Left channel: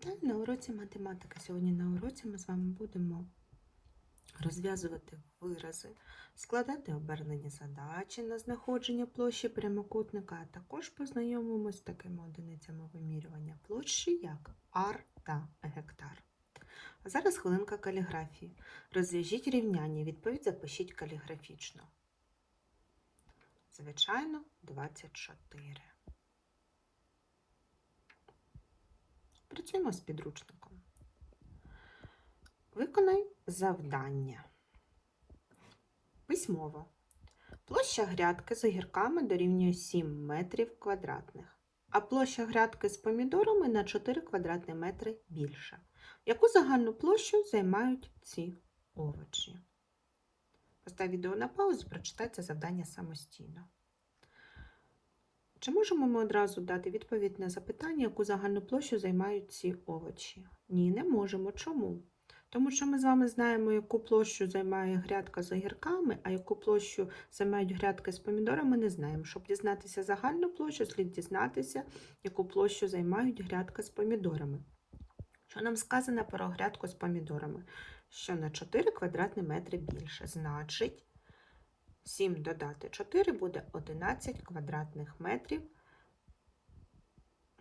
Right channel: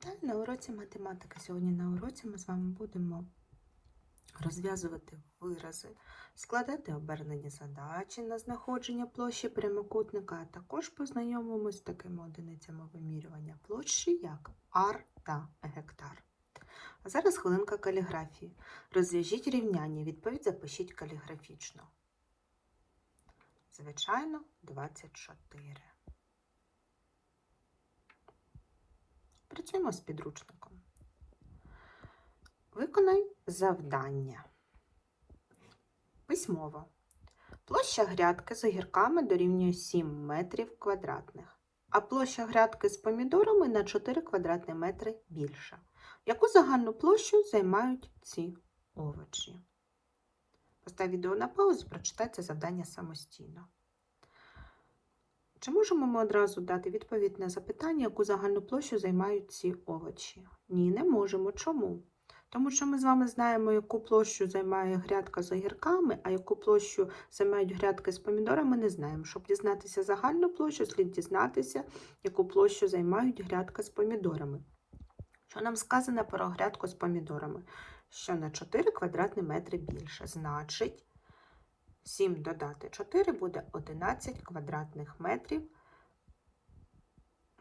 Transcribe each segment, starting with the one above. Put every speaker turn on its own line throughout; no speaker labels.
Вітаю на уроці математики. Сьогодні на уроці ми з вами будемо розв'язувати вирази, складати обернені задачі на знаходження площі прямокутника, а також познайомимося з такими одиницями вимірювання площі, як ар та гектар. А зараз хвилинка каліграфії. Розв'яжіть рівняння, відповідь запишіть каліграфічно. Звичайно, 24. Працюємо з підручником. Виконай завдання. Письмово. Площа грядки з огірками дорівнює 7 метрів квадратних, а площа грядки з помідорами на 4 квадратні метри більша. Яку загальну площу займають ці овочі? Постав відео на паузу, прочитайте завдання самостійно. Чи можемо ми одразу дати відповідь на запитання, яку загальну площу займають ці овочі? Ні, не можемо. Чому? Тому що ми з вами знаємо, яку площу займає грядка з огірками, а яку площу займають грядки з помідорами, не знаємо. Щоб дізнатися загальну площу, слід дізнатися, яку площу займають грядка з помідорами. Що нам сказано про грядку з помідорами? Що на 4 квадратні метри більше. Значить, 7 додати 4 буде 11 квадратних метрів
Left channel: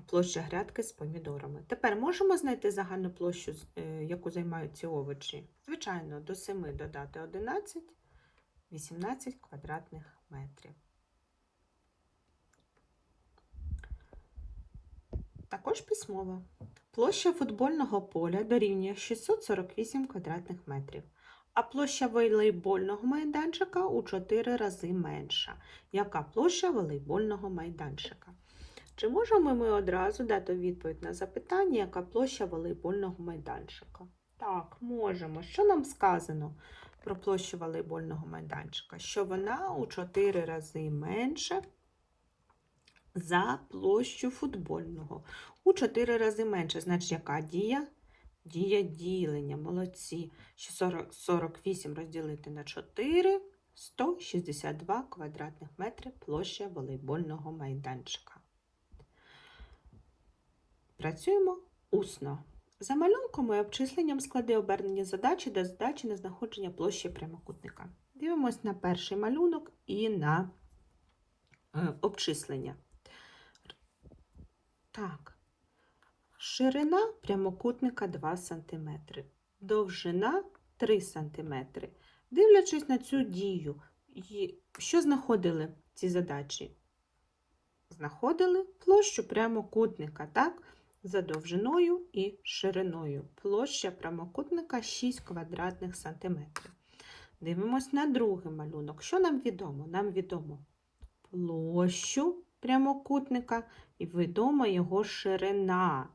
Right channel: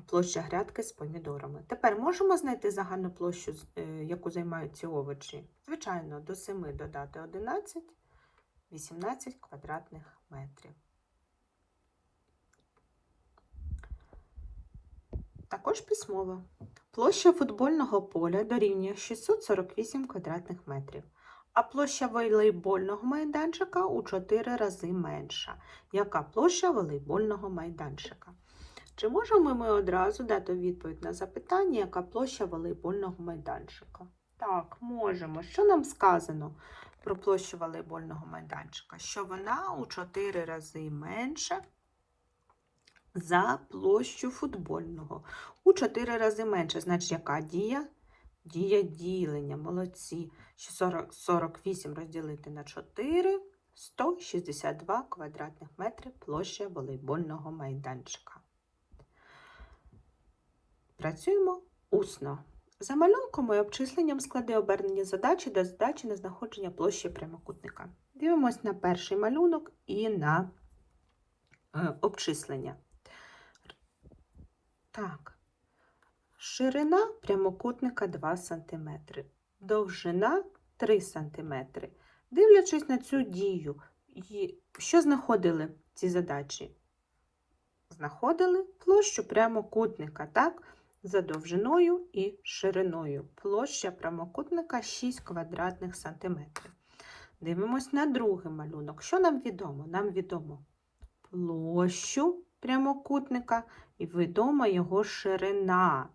площа грядки з помідорами. Тепер можемо знайти загальну площу, е, яку займають ці овочі? Звичайно, до 7 додати 11, 18 квадратних метрів. Також письмово. Площа футбольного поля дорівнює 648 квадратних метрів, а площа волейбольного майданчика у 4 рази менша. Яка площа волейбольного майданчика? Чи можемо ми одразу дати відповідь на запитання, яка площа волейбольного майданчика? Так, можемо. Що нам сказано про площу волейбольного майданчика? Що вона у 4 рази менша за площу футбольного. У 4 рази менше. Значить, яка дія? Дія ділення. Молодці. Що 40, 48 розділити на 4 162 квадратних метри площа волейбольного майданчика. Працюємо усно. За малюнком і обчисленням склади обернені задачі до задачі на знаходження площі прямокутника. Дивимось на перший малюнок і на е, обчислення. Так. Ширина прямокутника 2 см, довжина 3 см. Дивлячись на цю дію, що знаходили ці задачі? Знаходили площу прямокутника, так? За довжиною і шириною. Площа прямокутника 6 квадратних сантиметрів. Дивимось на другий малюнок. Що нам відомо? Нам відомо площу прямокутника і відома його ширина.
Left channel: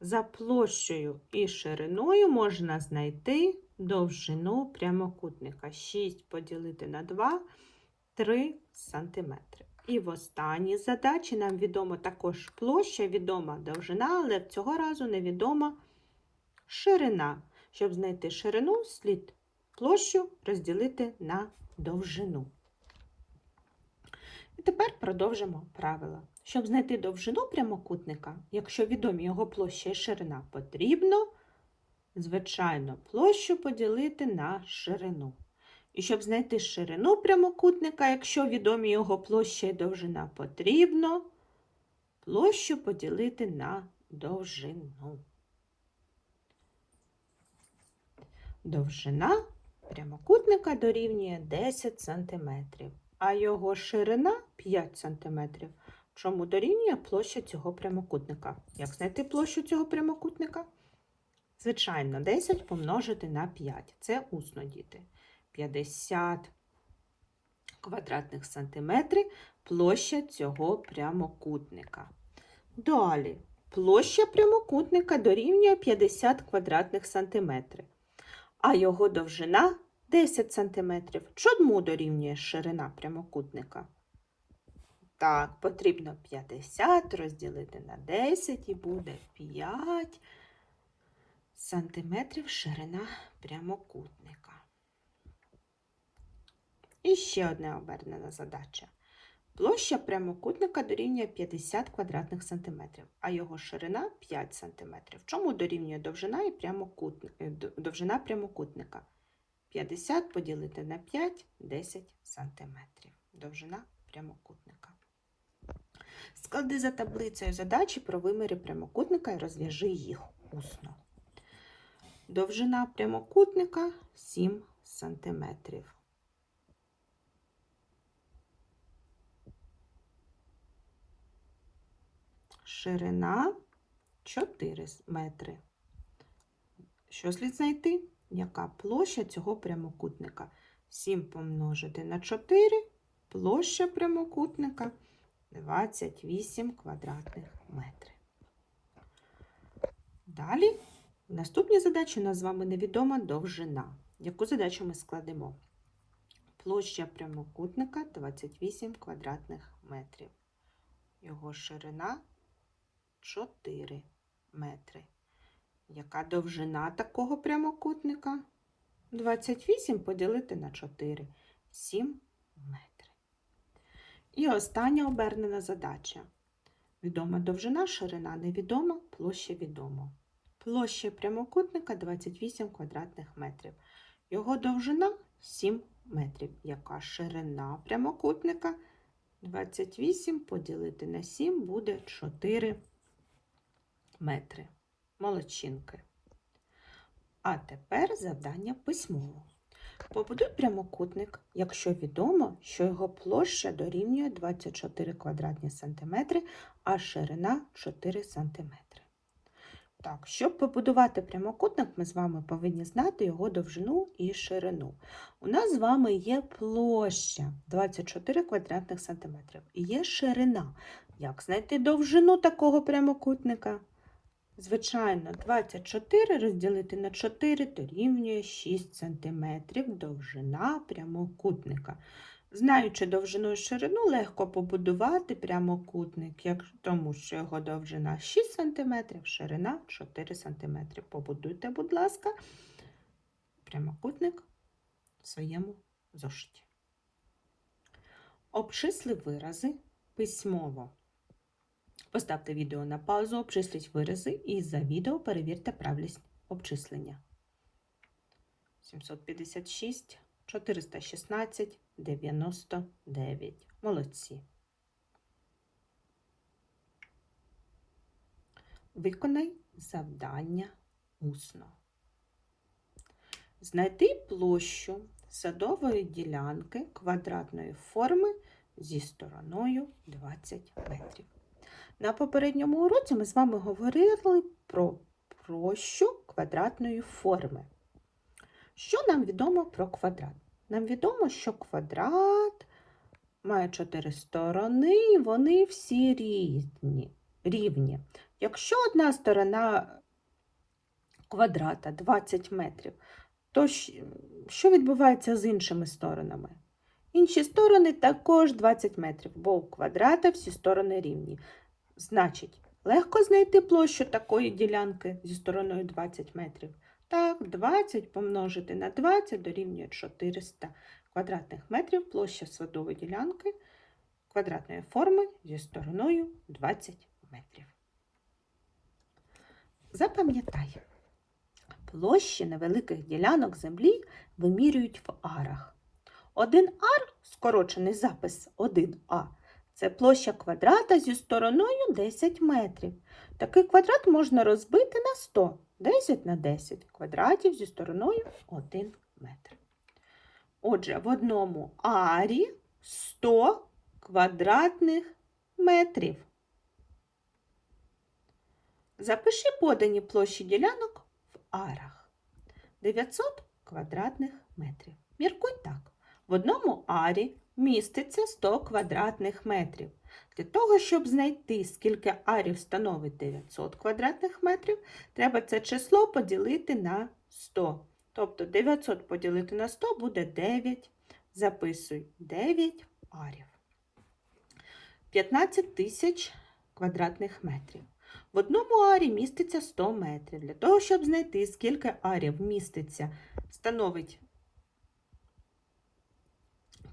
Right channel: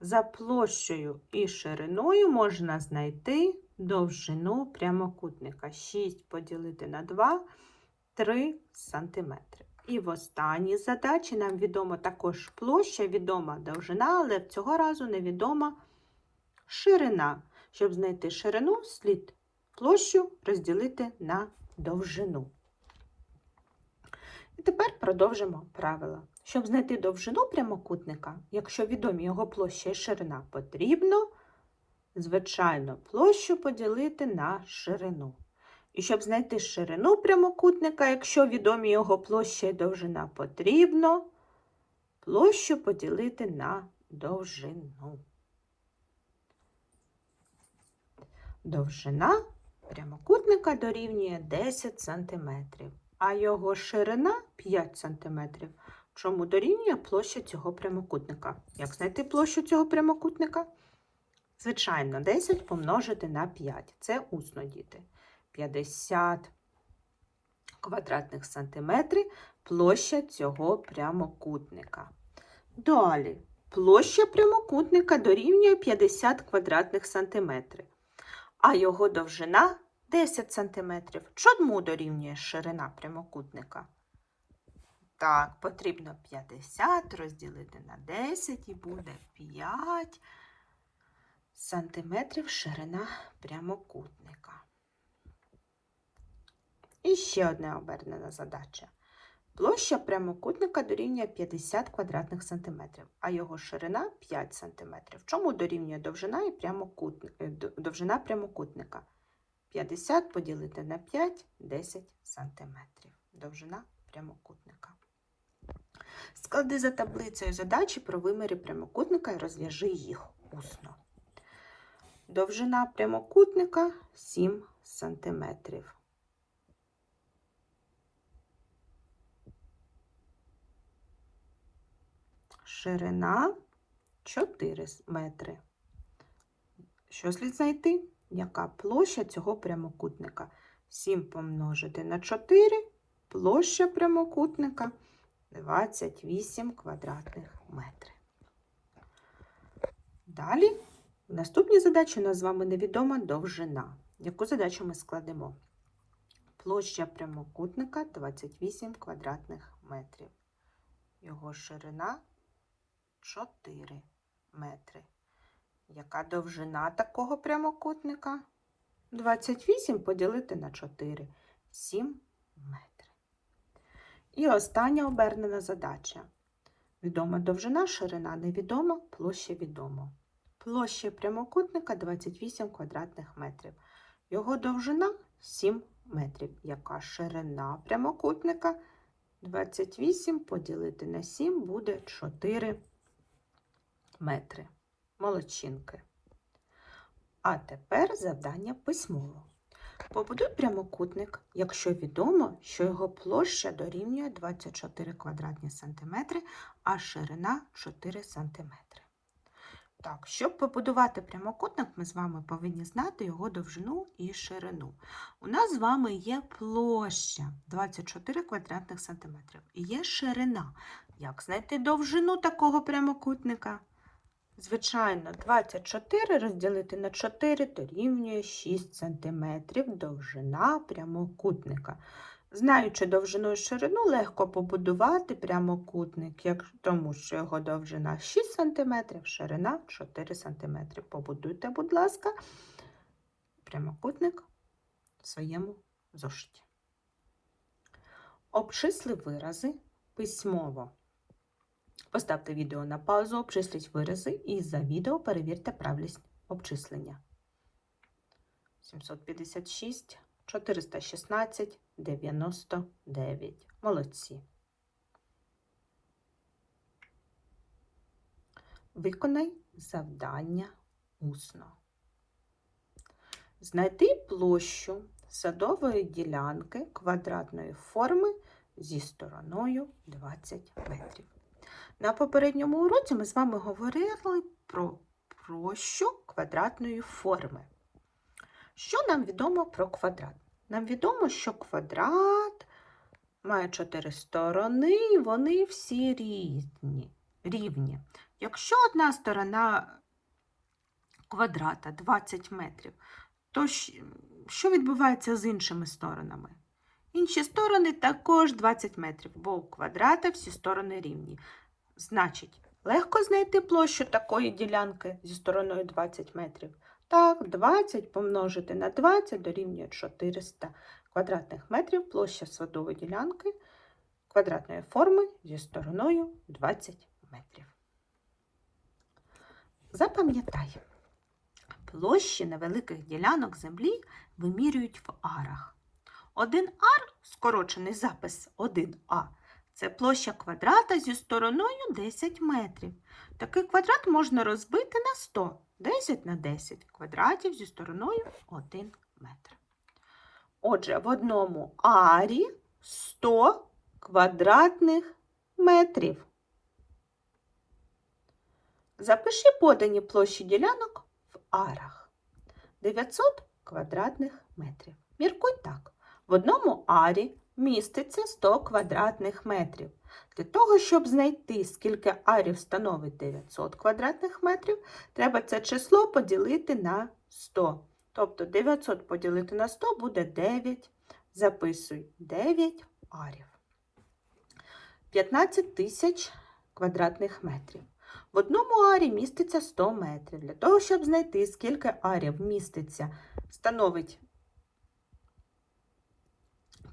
За площею і шириною можна знайти довжину прямокутника. 6 поділити на 2 3 см. І в останній задачі нам відомо також площа, відома довжина, але цього разу невідома ширина. Щоб знайти ширину, слід площу розділити на довжину. І тепер продовжимо правила. Щоб знайти довжину прямокутника, якщо відомі його площа і ширина, потрібно, звичайно, площу поділити на ширину. І щоб знайти ширину прямокутника, якщо відомі його площа і довжина, потрібно площу поділити на довжину. Довжина прямокутника дорівнює 10 см, а його ширина 5 см. Чому дорівнює площа цього прямокутника? Як знайти площу цього прямокутника? Звичайно, 10 помножити на 5. Це усно, діти. 50 квадратних сантиметрів площа цього прямокутника. Далі, площа прямокутника дорівнює 50 квадратних сантиметрів, а його довжина 10 сантиметрів. Чому дорівнює ширина прямокутника? Так, потрібно 50 розділити на 10 і буде 5 сантиметрів ширина прямокутника. І ще одна обернена задача. Площа прямокутника дорівнює 50 квадратних сантиметрів, а його ширина 5 сантиметрів. Чому дорівнює довжина і прямокутник, е, довжина прямокутника? 50 поділити на 5 – 10 сантиметрів. Довжина прямокутника. Склади за таблицею задачі про виміри прямокутника і розв'яжи їх усно. Довжина прямокутника 7 сантиметрів. Ширина 4 метри. Що слід знайти? Яка площа цього прямокутника? 7 помножити на 4, площа прямокутника 28 квадратних метрів. Далі, в наступній задачі у нас з вами невідома довжина. Яку задачу ми складемо? Площа прямокутника 28 квадратних метрів. Його ширина 4 метри. Яка довжина такого прямокутника? 28 поділити на 4 7 метрів. І остання обернена задача. Відома довжина, ширина невідома, площа відома. Площа прямокутника 28 квадратних метрів. Його довжина 7 метрів. Яка ширина прямокутника? 28 поділити на 7 буде 4 метри. Молодчинки. А тепер завдання письмово. Побудуй прямокутник, якщо відомо, що його площа дорівнює 24 квадратні сантиметри, а ширина 4 сантиметри. Так, щоб побудувати прямокутник, ми з вами повинні знати його довжину і ширину. У нас з вами є площа 24 квадратних сантиметрів і є ширина. Як знайти довжину такого прямокутника? Звичайно, 24 розділити на 4 дорівнює 6 см довжина прямокутника. Знаючи довжину і ширину, легко побудувати прямокутник, як, тому що його довжина 6 см, ширина 4 см. Побудуйте, будь ласка, прямокутник в своєму зошиті. Обчисли вирази письмово. Поставте відео на паузу, обчисліть вирази і за відео перевірте правильність обчислення. 756, 416, 99. Молодці. Виконай завдання усно. Знайти площу садової ділянки квадратної форми зі стороною 20 метрів. На попередньому уроці ми з вами говорили про площу квадратної форми. Що нам відомо про квадрат? Нам відомо, що квадрат має чотири сторони, і вони всі різні, рівні. Якщо одна сторона квадрата 20 метрів, то що відбувається з іншими сторонами? Інші сторони також 20 метрів, бо у квадрата всі сторони рівні. Значить, легко знайти площу такої ділянки зі стороною 20 метрів. Так, 20 помножити на 20 дорівнює 400 квадратних метрів площа садової ділянки квадратної форми зі стороною 20 метрів. Запам'ятай, площі невеликих ділянок землі вимірюють в арах. Один ар, скорочений запис 1а, це площа квадрата зі стороною 10 метрів. Такий квадрат можна розбити на 100. 10 на 10 квадратів зі стороною 1 метр. Отже, в одному арі 100 квадратних метрів. Запиши подані площі ділянок в арах. 900 квадратних метрів. Міркуй так. В одному арі міститься 100 квадратних метрів. Для того, щоб знайти, скільки арів становить 900 квадратних метрів, треба це число поділити на 100. Тобто 900 поділити на 100 буде 9. Записуй 9 арів. 15 тисяч квадратних метрів. В одному арі міститься 100 метрів. Для того, щоб знайти, скільки арів міститься, становить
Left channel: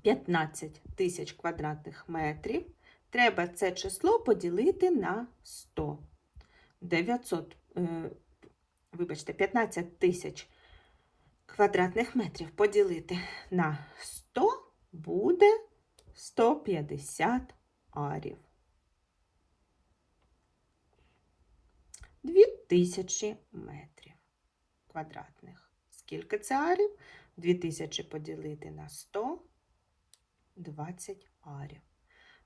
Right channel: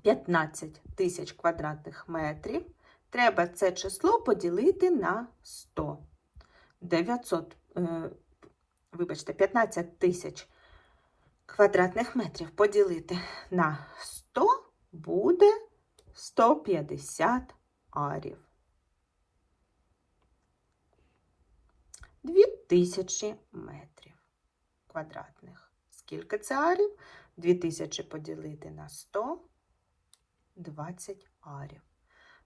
15 тисяч квадратних метрів. Треба це число поділити на 100. 900, е, вибачте, 15 тисяч квадратних метрів поділити на 100 буде 150 арів. 2000 метрів квадратних. Скільки це арів? 2000 поділити на 100 20 арів.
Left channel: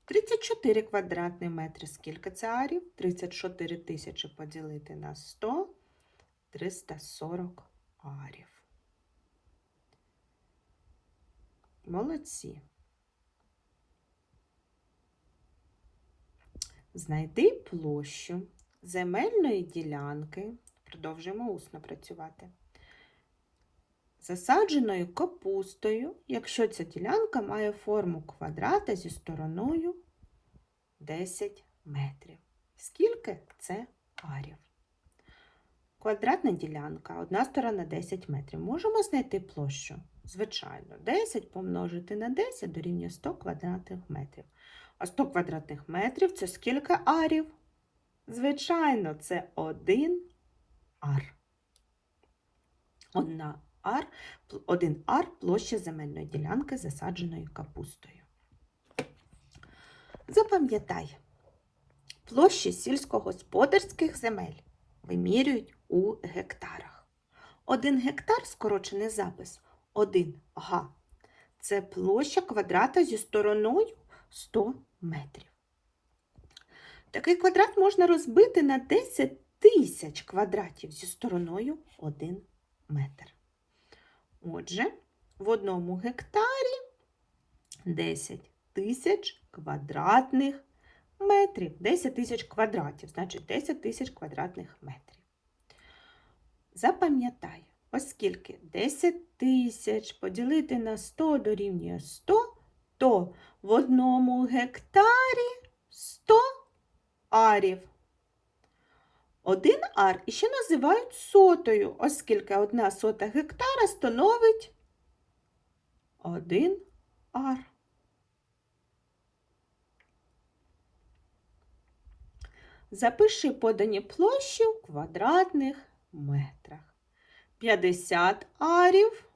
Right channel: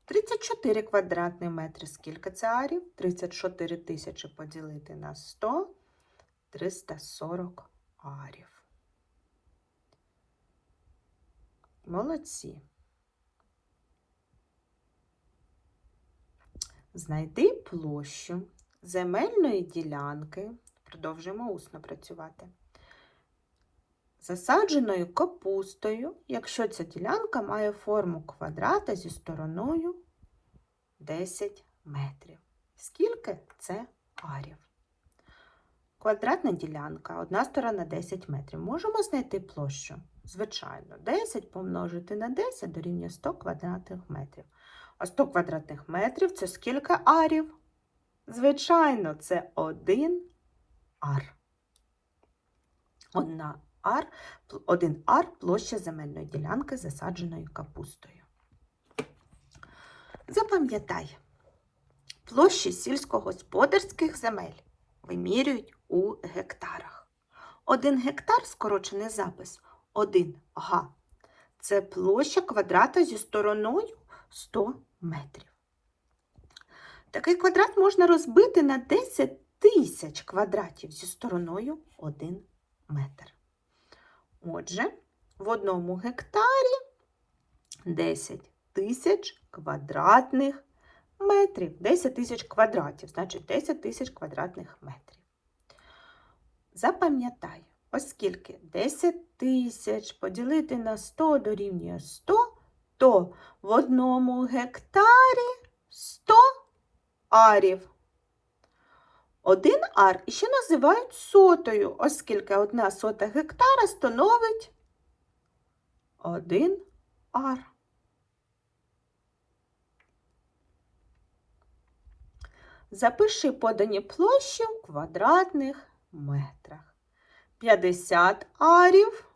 34 квадратні метри. Скільки це арів? 34 тисячі поділити на 100 340 арів. Молодці. Знайди площу земельної ділянки. Продовжуємо усно працювати. Засадженою капустою, якщо ця ділянка має форму квадрата зі стороною 10 метрів. Скільки це арів? Квадратна ділянка, одна сторона 10 метрів. Можемо знайти площу? Звичайно, 10 помножити на 10 дорівнює 100 квадратних метрів. А 100 квадратних метрів це скільки арів? Звичайно, це один ар. Одна ар, один ар площа земельної ділянки, засадженої капустою. Запам'ятай, площі сільськогосподарських земель вимірюють у гектарах. Один гектар скорочений запис 1 га. Це площа квадрата зі стороною 100 метрів. Такий квадрат можна розбити на 10 тисяч квадратів зі стороною 1 метр. Отже, в одному гектарі 10 тисяч квадратних метрів. 10 тисяч квадратів, значить 10 тисяч квадратних метрів. Запам'ятай, оскільки 10 тисяч поділити на 100 дорівнює 100, то в одному гектарі 100 арів. Один ар іще називають сотою, оскільки одна сота гектара становить один ар. Запиши подані площі в квадратних метрах. 50 арів.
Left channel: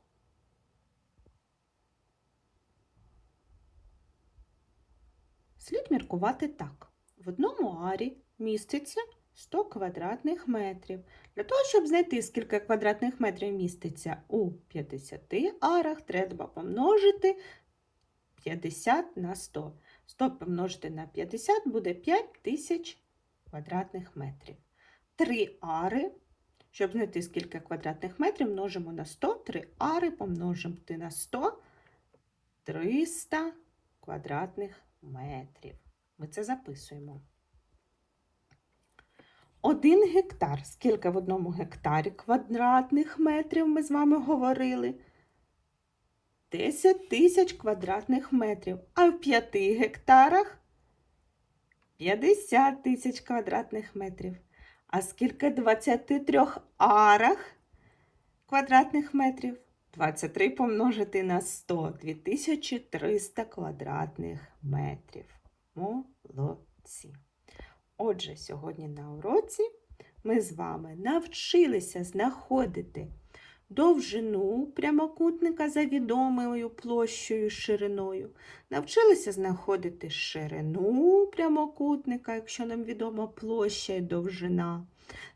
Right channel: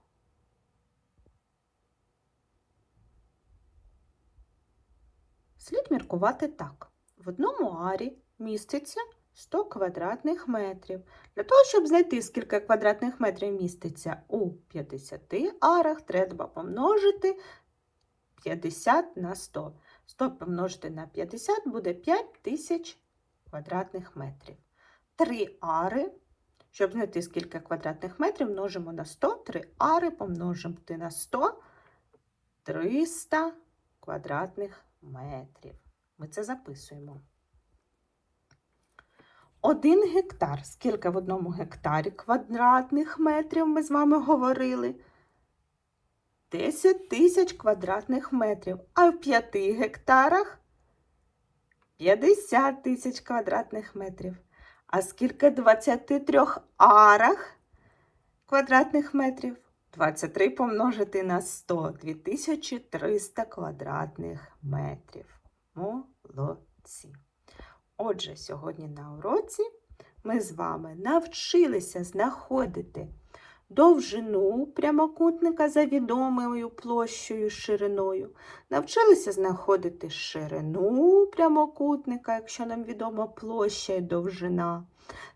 Слід міркувати так. В одному арі міститься 100 квадратних метрів. Для того, щоб знайти, скільки квадратних метрів міститься у 50 арах, треба помножити 50 на 100. 100 помножити на 50 буде 5000 квадратних метрів. 3 ари. Щоб знайти, скільки квадратних метрів, множимо на 100, 3 ари помножити на 100 300 квадратних метрів. Ми це записуємо. Один гектар. Скільки в одному гектарі квадратних метрів ми з вами говорили? 10 тисяч квадратних метрів. А в 5 гектарах 50 тисяч квадратних метрів. А скільки 23 арах квадратних метрів? 23 помножити на 100 2300 квадратних метрів. Молодці. Отже, сьогодні на уроці ми з вами навчилися знаходити довжину прямокутника за відомою площею шириною. Навчилися знаходити ширину прямокутника, якщо нам відома площа і довжина.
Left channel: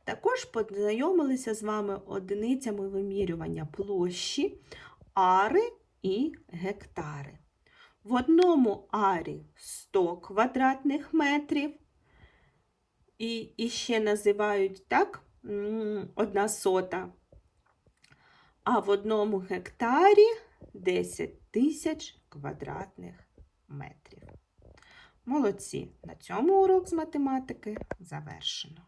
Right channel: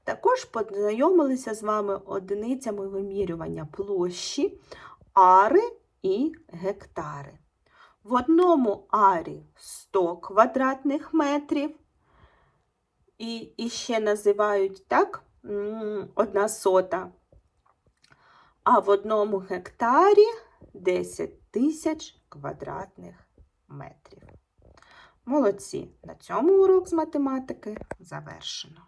Також познайомилися з вами одиницями вимірювання площі, ари і гектари. В одному арі 100 квадратних метрів. І, і ще називають так одна сота. А в одному гектарі 10 тисяч квадратних метрів. Молодці! На цьому урок з математики завершено.